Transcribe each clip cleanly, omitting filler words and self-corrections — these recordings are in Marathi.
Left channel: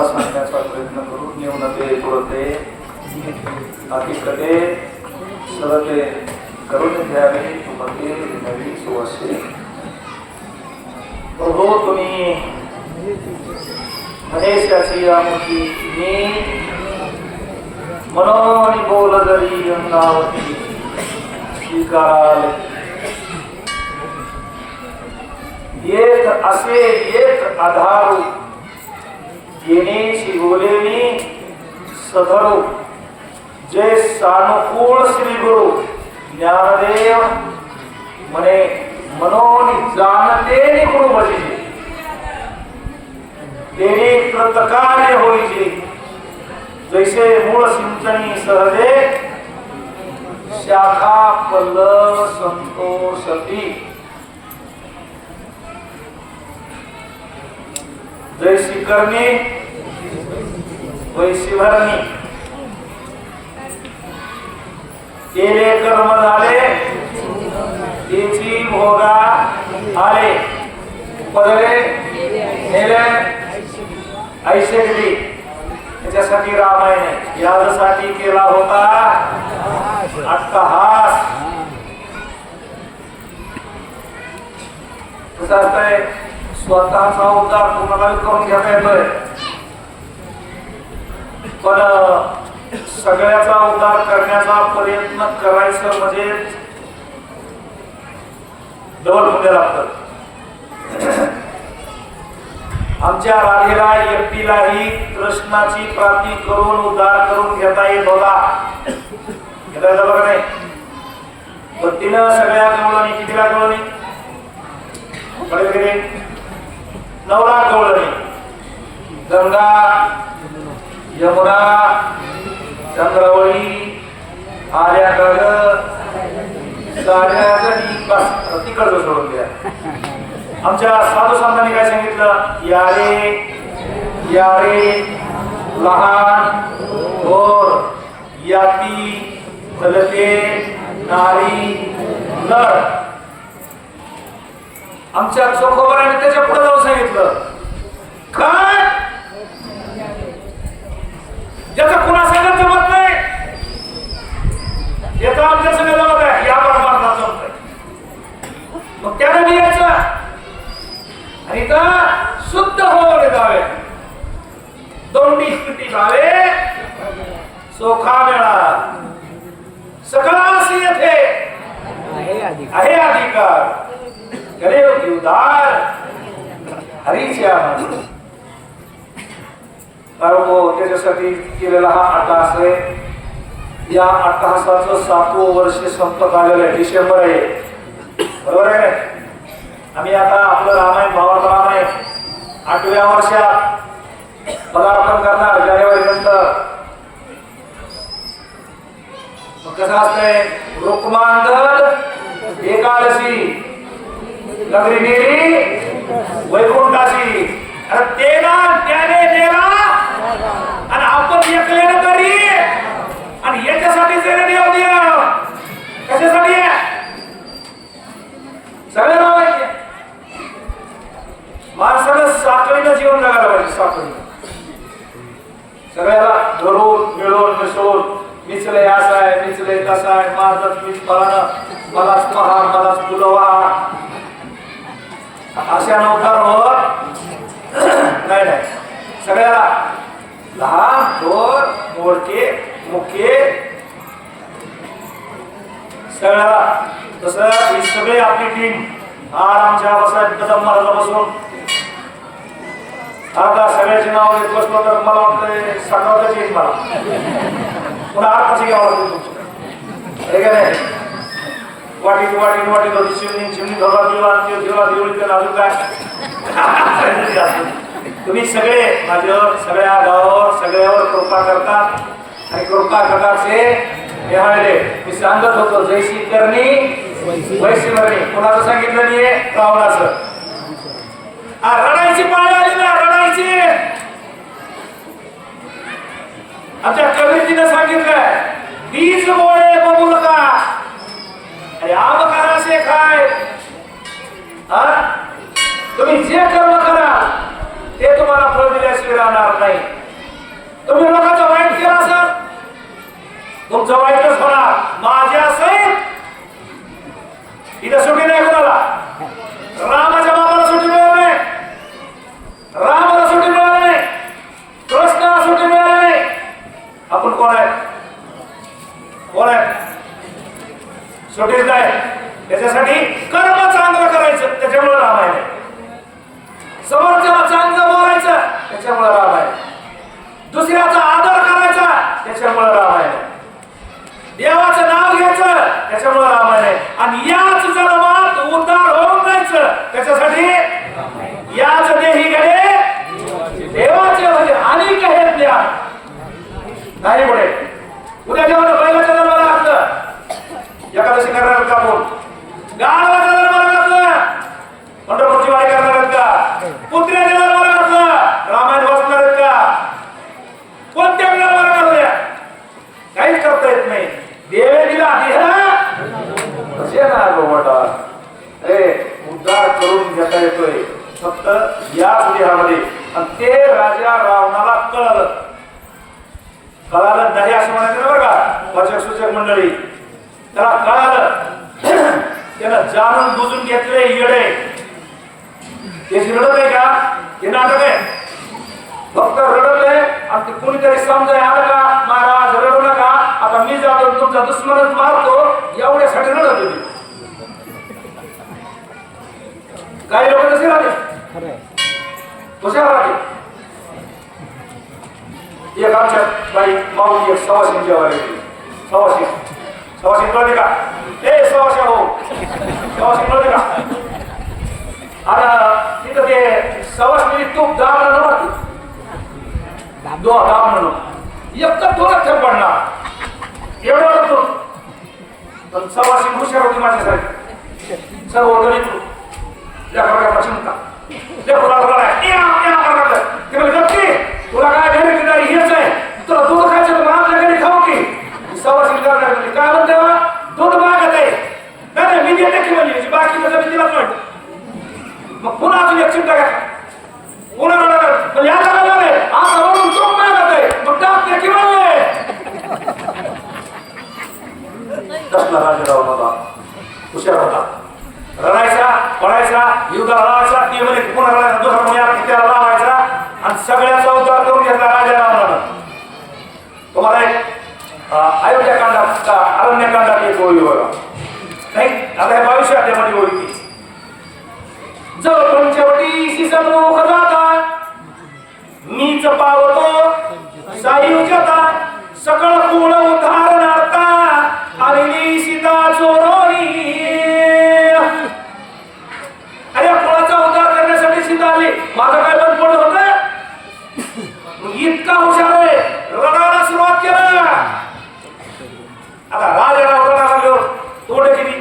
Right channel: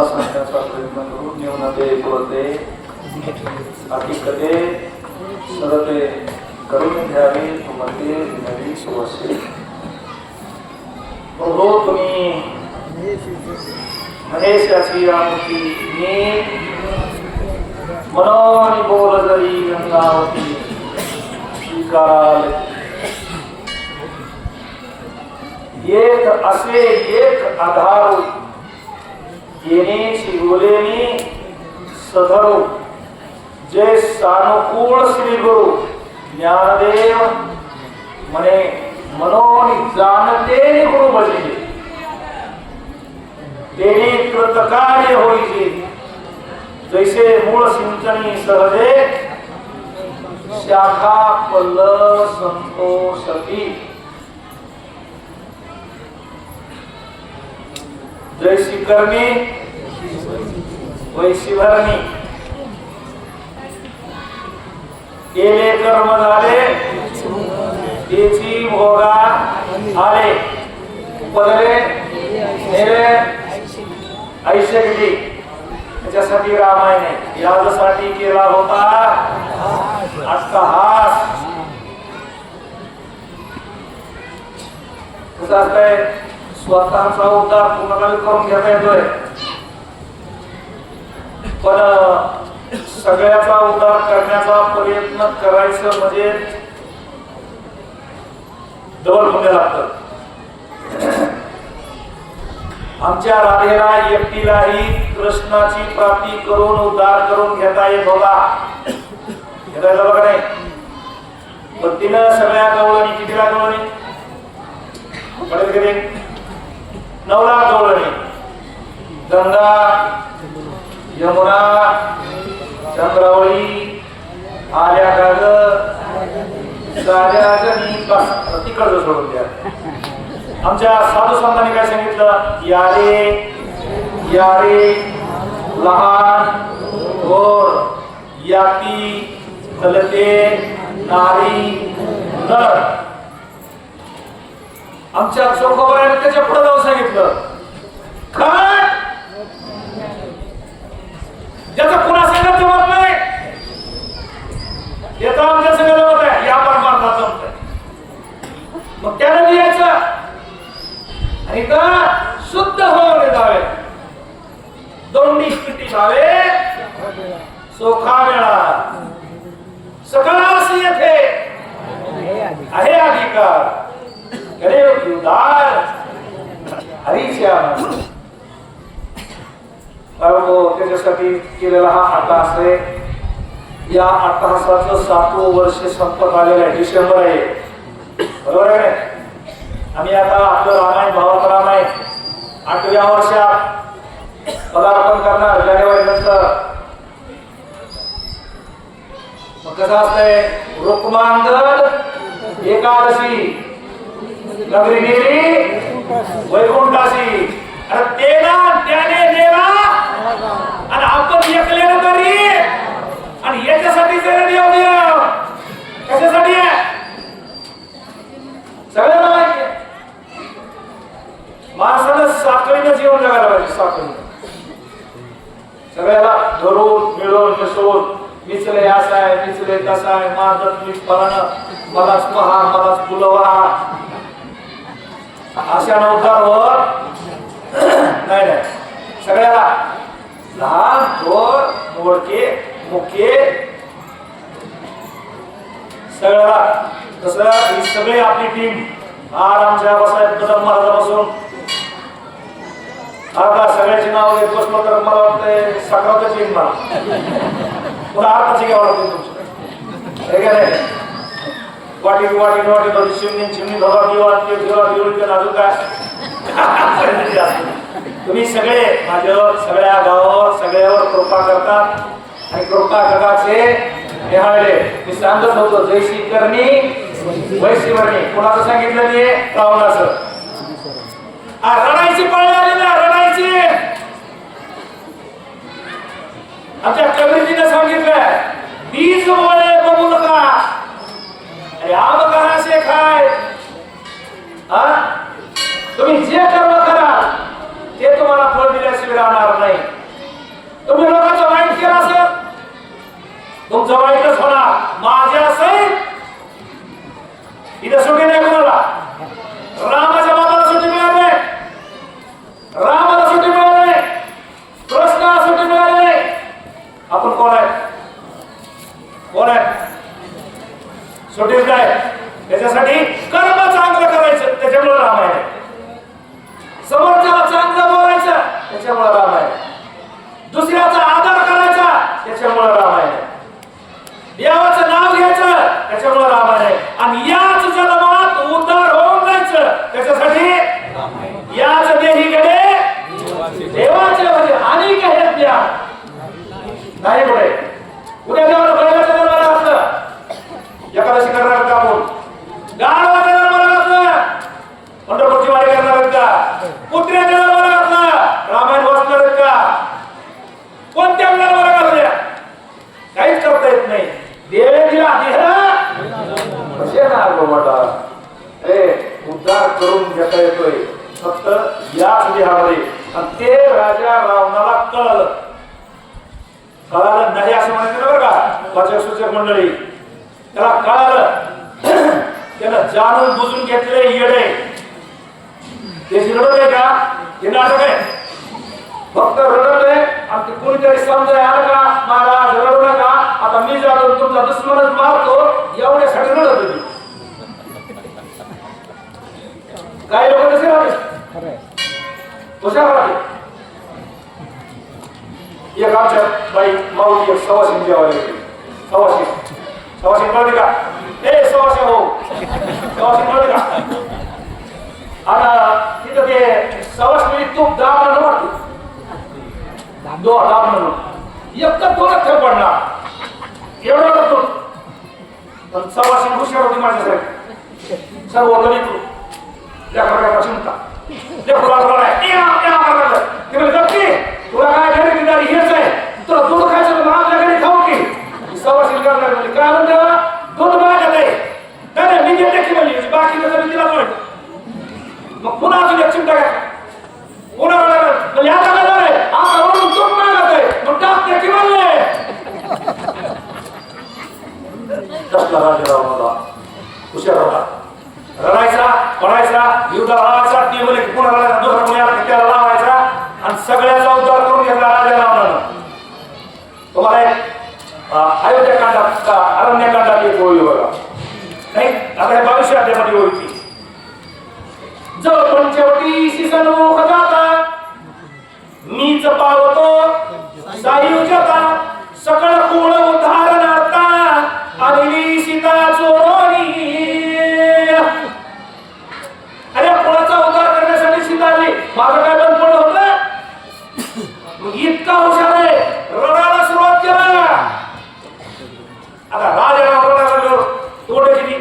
तुम्हाला सांगण्याचा प्रयत्न करू. न्यूनते पुरते अधिकते सरते करून घ्यावे तुमते विनवी सुवसे. प्रभू तुम्ही महेशाची रामती मी मनोनी बोल जरी गंगावती स्वीकाराल. एक असे एक आधारू येणे बोलेनी सधरू जे सानुकूळ श्री गुरु ज्ञानदेव म्हणे मनोनी जाणते गुरु भजिले तेने कृतकार्य होईजे. जैसे मूळ सिंचनी सहजे शाखा पल्लव संतोषती. जैसी करणी वैसी भरणी. केले कर्म झाले त्याची भोगा आले. पदरे नेले ऐसे घडी. त्याच्यासाठी रामायण यासाठी केला होता अट्टहास. कसं असतंय स्वतःचा उद्धार पूर्ण करून घेता येतोय पण सगळ्याचा उद्धार करण्याचा प्रयत्न करायचं म्हणजे डबल होणे लागतं. आमच्या राधेला एकटीलाही कृष्णाची प्राप्ती करून उद्धार करून घेता येत होता. घेता येत बघा नाही. पण तिनं सगळ्या गवळणी कितीला गवळणी कळत गेले 9 लाख गवळणी. गंगा यमुना चंद्रावळी आर्या काग साऱ्या जणी बस तिकडं सोडून द्या. आमच्या साधू संतांनी काय सांगितलं. यारे यारे लहान थोर याती फलते नारी नर. आमच्या चोखोबराने त्याच्या पुढे जाऊन सांगितलं काय ज्याचा कुणा सांगत जमत नाही येतं आमच्या सगळं जमत आहे. या परमार्थात जमत आहे. मग त्याने लिहायचं आणि का शुद्ध होणे जावे दोंडी स्थिती जावे सोखा मिळा सकळास येथे आहे अधिकार करे उदार हरीच्या त्याच्यासाठी केलेला हा अट्टहास आहे. या अट्टहासाचं 7वं वर्ष संपत आलेलं आहे. डिसेंबर आहे बरोबर आहे. आम्ही आता आपलं रामायण भावाचं रामायण 8व्या वर्षात पदार्पण करणार जानेवारी नंतर. मग कसं असतंय रुक्मांगद एकादशी नगरी नेरी वैकुंठाशी. अरे तेला त्याने देवा आणि आपण एकल्यानं तरी आणि याच्यासाठी जरी देव द्या कशासाठी आहे सगळ्यांना माहिती आहे. माणसानं साखळीनं जीवन जगायला पाहिजे. साखळी सगळ्याला धरून मिळून मिसळून मिचले असा आहे मिचले तसा आहे माझं मीच फळानं मलाच पहा मलाच फुलवा अशा नौकार होत नाही नाही. सगळ्याला लहान थोर मोडके मुखे सगळ्याला तसं ही सगळी आपली टीम आमच्या बसायत कदम महाराजापासून आता सगळ्याची नाव घेत बसलो तर मला वाटतंय 11व्याच येईल ना पुन्हा आताची घ्यावं लागतं. वाटी वाटी वाटी बघ शिवनी शिवनी धोका दिवा दिवा दिवळी तर अजून काय तुम्ही सगळे माझ्यावर सगळ्या गावावर सगळ्यावर कृपा करतात आणि कृपा कटाचे निहाळले. मी सांगत होतो जैशी करणी वैशी भरणी. कोणाचं सांगितलं नाही रावणाचं. रडायची पाळी आली ना रडायची. आमच्या कबीरजीने सांगितलं बीज बोळे बघू नका अरे आम करा खाय. तुम्ही जे कर्म करा ते तुम्हाला फळ दिल्याशिवाय राहणार नाही. जवाईतच होणार माझ्या सहित. इथं सुट्टी नाही कुणाला. रामाच्या बाबाला सुट्टी मिळाली नाही, रामाला सुट्टी मिळाली नाही, कृष्णाला सुट्टी मिळाली नाही. आपण कोण आहे? कोण आहे? सुट्टीच नाही. त्याच्यासाठी कर्म चांगलं करायचं, त्याच्यामुळे रामायण आहे. समोरच्याला चांगलं बोलायचं, त्याच्यामुळे रामायण. दुसऱ्याचा आदर करायचा, त्याच्यामुळे रामायण. देवाचं नाव घ्यायचं, त्याच्यामुळे रामायण आहे. आणि याच जन्मात उद्धार होऊन जायचं, त्याच्यासाठी याच देही गेले देवाचे म्हणजे अनेक आहेत द्या नाही पुढे. उद्या जेव्हा बैलाच्या जन्माला घातलं, एकादशी करणार का बोल, गाढवाच्या जन्माला घातलं, पंढरपूरची वारी करणार आहेत का, कुत्र्याच्या जन्माला घातलं, रामायण वाचणार आहेत का, कोणत्या जन्माला घातल्या, काहीच करता येत नाही. देवे दिला उद्धार करून घेता येतोय फक्त याच देहामध्ये. आणि ते राजा रावणाला कळलं. कळालं नाही असं म्हणायचं बरं का वाचक सूचक मंडळी. त्याला कळालं, त्याला जाणून बुजून घेतले येडे. ते रडत आहे का? हे नाटक आहे. फक्त रडवले आणि ते कोणीतरी समजाय आलं का महाराज रडू नका, आता मी जातो तुमचा दुश्मनच मारतो, एवढ्यासाठी रडत होती. काही लोक कसे राहते, कशा राहते. एक आमच्या बाई माऊली एक सवाशिन जेवायला येते. सवाशिन कळते का? ए सवाशिन हो, सवाशिन कळते का? आणि तिथं ते सवाशिनी तूप दाबलं नव्हती, एकच दोनच थर पडणार एवढं तो सवाशिन हुशार होती माझ्यासाठी. सर्व गणित चिंता तुला काय गणित नाही हेच आहे, तुला दूध खायचं तर आपल्या घरी खाऊ की. सवाशिन करणार म्हणजे काय म्हणते, दूध मागत आहे नाही मी देते की म्हणजे बाकी मी तिला म्हणतो. मग पुन्हा अजून एक चिंता काय, पुन्हा म्हणजे आता काय झालंय, आता म्हणून तो मागत आहे मग टाकते की म्हणले. कसला राजाराव मला हुशार होता, रडायचा पडायचा युद्ध लावायचा, ती म्हणे पुन्हा रडायचा, दुसरा पुण्याला त्याला लावायचा आणि सगळ्याचा उद्धार करून घेतला राजा रावणानं. तुम्हाला एक अयोध्याकांडात अरण्यकांडात एक ओळी बघा नाही, आता हे 22 अध्यायामध्ये ओळखी. जो पंचवटी सन्मुख जाता मीच पावतो सायुज्यता, सकळ कुळ उद्धारणार्था आलेली सीता चोरोनी. अरे कुळाचा उद्धार करण्यासाठी सीता आली, माझं काय बंद पडत होतं. इतका हुशार आहे, रडायला सुरुवात केला. आता राजाला रडायला लागल्यावर तोडे किती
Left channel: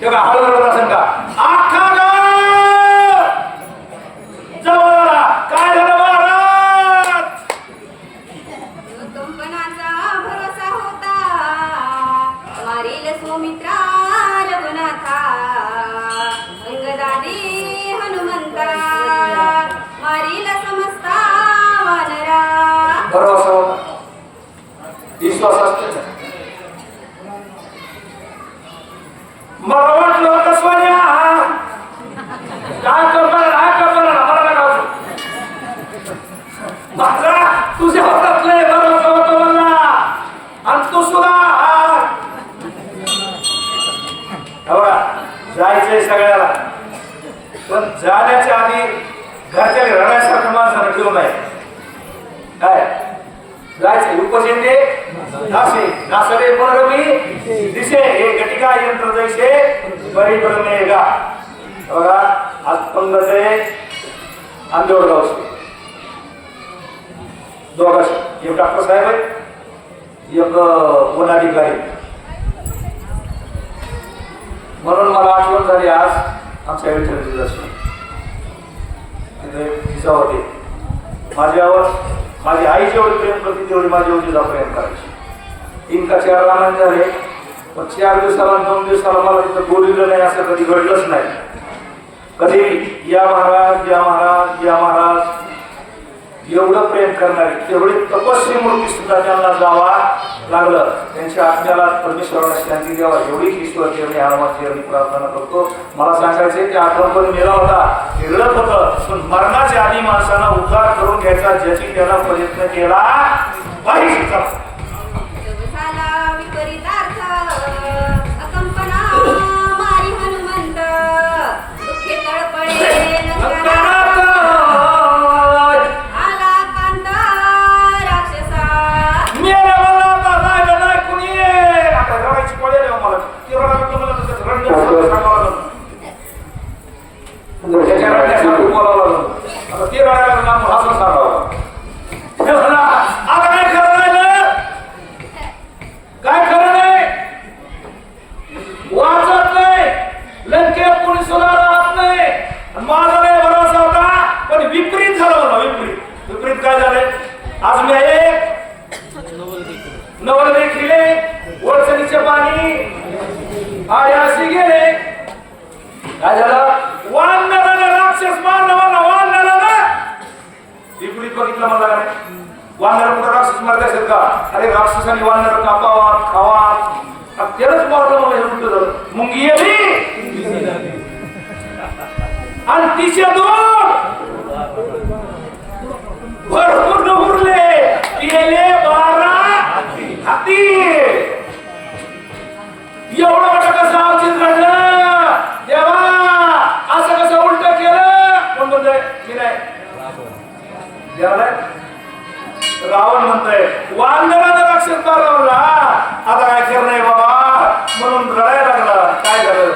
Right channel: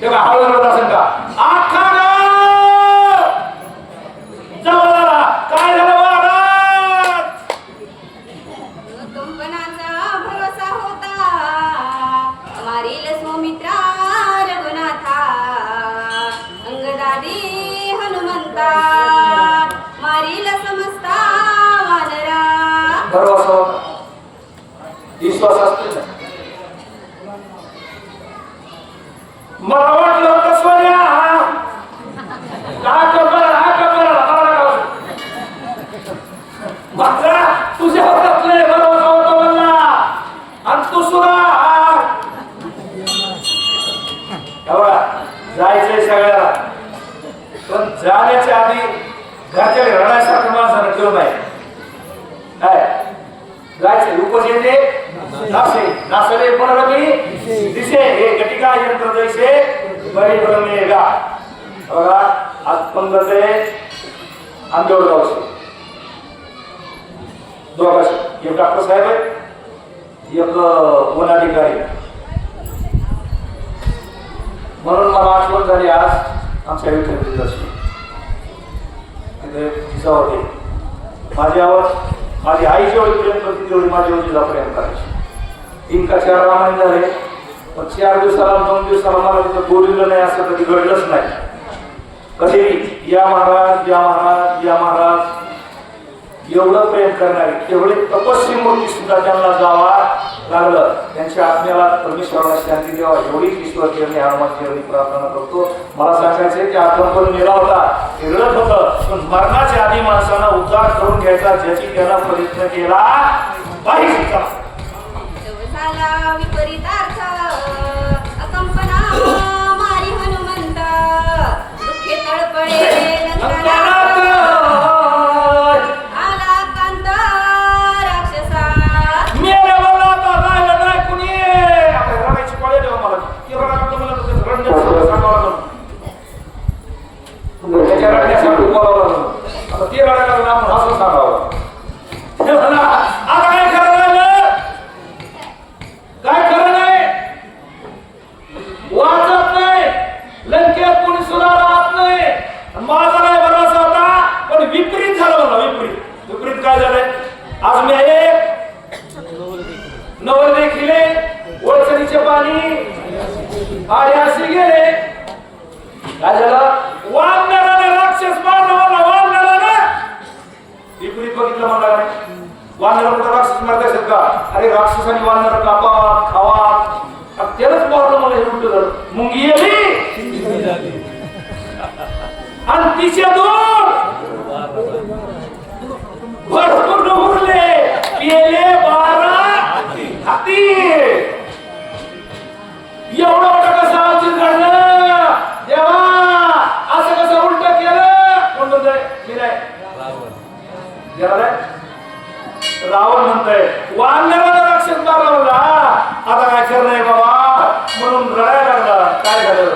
तेव्हा हळू रडत असेल का? आखा जवळ काय झालं महाराज? कंपनाचा भरोसा होता, मारील सौमित्रा रघुनाथा, अंगदादी हनुमंता, मारील समस्ता वानरा. भरोसा होता, विश्वास असतो. मला वाटलं कसवाऱ्या काय करणार माझा तुझ्या हातातले भरोसा होता मला. आणि तू सुद्धा जायचंय सगळ्याला, पण जाण्याच्या आधी घरच्या रडायसारखं माणसानं ठेवून नाही. काय जायचंय उपजेते नासे नासले पुनरमी दिसे हे घटिका यंत्र जैसे बरी ब्रह्मेगा. आज पंगते आंदोलन गावचे दोघांचे, एक डॉक्टर साहेब आहे, एक वनाधिकारी. म्हणून मला आठवण झाली आज आमच्या विठ्ठल दर्शन तिथे दिसा होते. माझ्यावर माझी आई जेवढी प्रेम करते तेवढी माझी वडील प्रेम करायची. 3 का 4 रामायण झाले, तर 4 दिवसाला 2 दिवसाला मला तिथं बोललेलं नाही असं कधी घडलंच नाही. कधी या महाराज या महाराज या महाराज एवढं प्रेम करणारी तेवढी तपस्वी मूर्ती सुद्धा त्यांना जावा लागलं. त्यांच्या आत्म्याला परमेश्वराला शांती द्यावा एवढीच ईश्वर देवने हनुमानची एवढी प्रार्थना करतो. मला सांगायचंय की आपण पण मेला होता रडत होतं, पण मरणाच्या आधी माणसाला उद्धार करून घ्यायचा ज्याची त्याला प्रयत्न केला पाहिजे. झाला विपरीतार्थ अकंपना मारी हनुमंत दुःखे तळपळे नंतरात आला कांत राक्षसा मेला मला आता राहिलं नाही कुणी. आता रडायची पडेल मला ते रडायला मला तसं रडण्याचं सांगावं लागलं. त्याच्या रडण्यासाठी बोलावं लागलं. आता ते रडायला लागलं असं सांगावं. आता काय खरं राहिलं, काय खरं नाही, वाचत नाही, लंकेत कोणी सुद्धा राहत नाही. माझा नाही भरोसा होता, पण विपरीत झालं मला. विपरीत काय झालंय, आज मी एक नवल देखिले वळसणीचे पाणी आरे असे गेले. काय झालं, वानराला राक्षस मारला मला, वानराला विपरीत बघितलं मला नाही. वानर कुठं राक्षस मारत असेल का? अरे राक्षसाने वानर कापावात खावात त्यालाच मारलं मला. हे कुठं झालं, मुंगी आली आणि तिचे दोन भरपूर उरले पेले 12 हाती. एवढं मोठं कसं आमची घडलं देवा, असं कसं उलट केलं. कोण म्हणतंय, मी नाही देवाला. रावण म्हणतोय वानराला राक्षस मारला. आता काय करणार बाबा म्हणून रडायला लागला. काय झालं,